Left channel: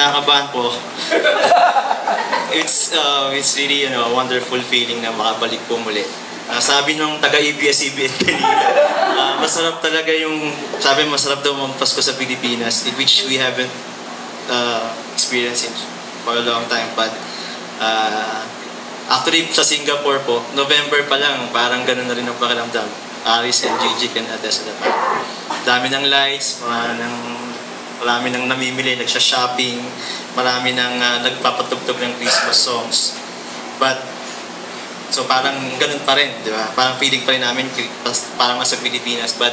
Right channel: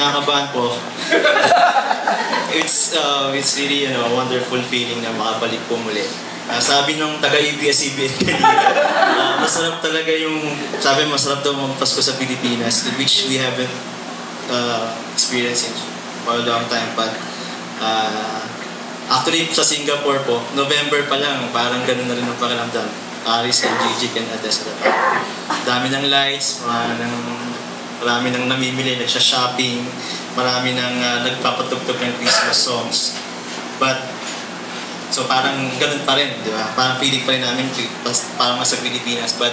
kinakabahan po. It's really a wonderful feeling na makabalik po muli. Sabi nung taga-ABS-CBN masarap talaga yung, sabi masarap daw ang Pasko sa Pilipinas, which we haven't experienced it for a long time. But actually sa Singapore po, November pa lang, parang ganun na rin ang pakiramdam. Aris and Gigi can attest to that. Dami ng lights, marami nang namimili, nagsha-shopping, marami nang nagpapatugtog ng Christmas songs. But so parang ganun pa rin, di ba? Parang feeling pa rin namin parang nasa Pilipinas. But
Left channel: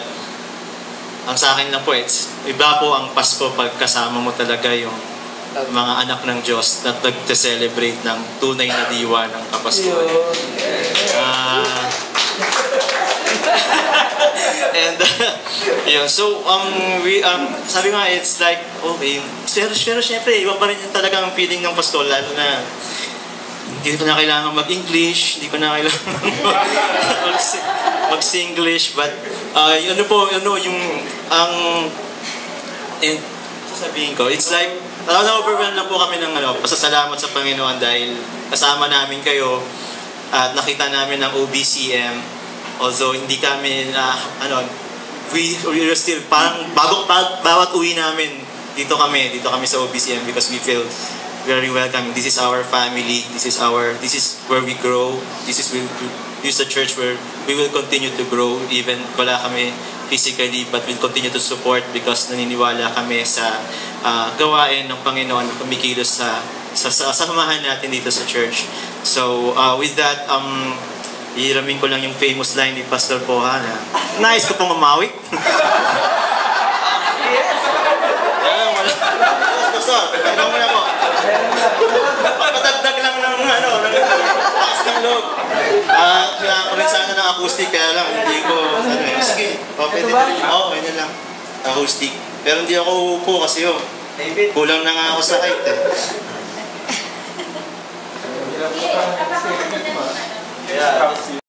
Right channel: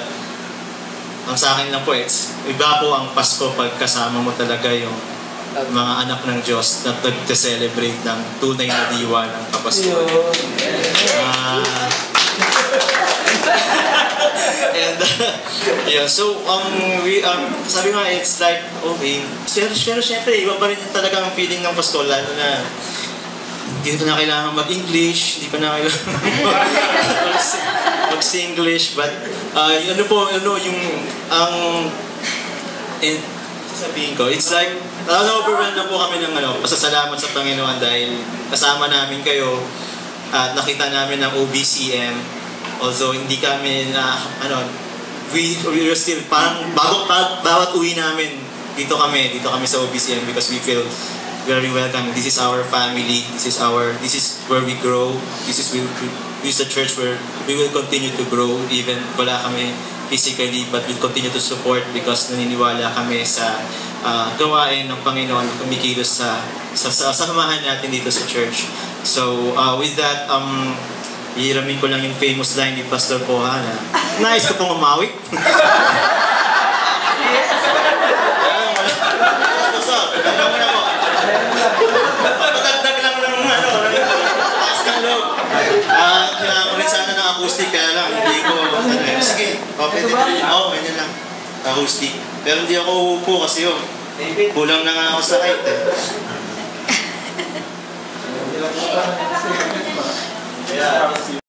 ang sa akin lang po, iba po ang Pasko pag kasama mo talaga yung mga anak ng Diyos na nag-celebrate ng tunay na diwa ng Kapaskuhan. And yeah, so sabi nga, it's like okay, pero syempre iba pa rin talaga ang feeling ng Pasko, lalo na hindi ko na kailangan mag-English, hindi ko na kailangan mag-Singlish, but sasabihin ko, it's like na-overwhelmed na po kami ng pasasalamat sa Panginoon dahil kasama namin kayo at nakita namin ang OBCM. Although hindi kami we are still parang bawat uwi namin dito kami sa OBCM because we feel very welcome. This is our family. This is where we grow. This is a church where we will continue to grow even wala kami physically, but we'll continue to support because naniniwala kami sa gawain ng Panginoon, kumikilos sa samahan natin dito sa church. So with that, hihiramin ko lang yung famous line ni Pastor Poha na nais ko pong umawit. Patagdag lang ng taas ng loob. Kailangan ko rin sana ng acoustic, kaya lang hindi ko sige, pwede na lang acoustic, pero hindi ako uupo kasi kulang na nga ako sa height Yeah.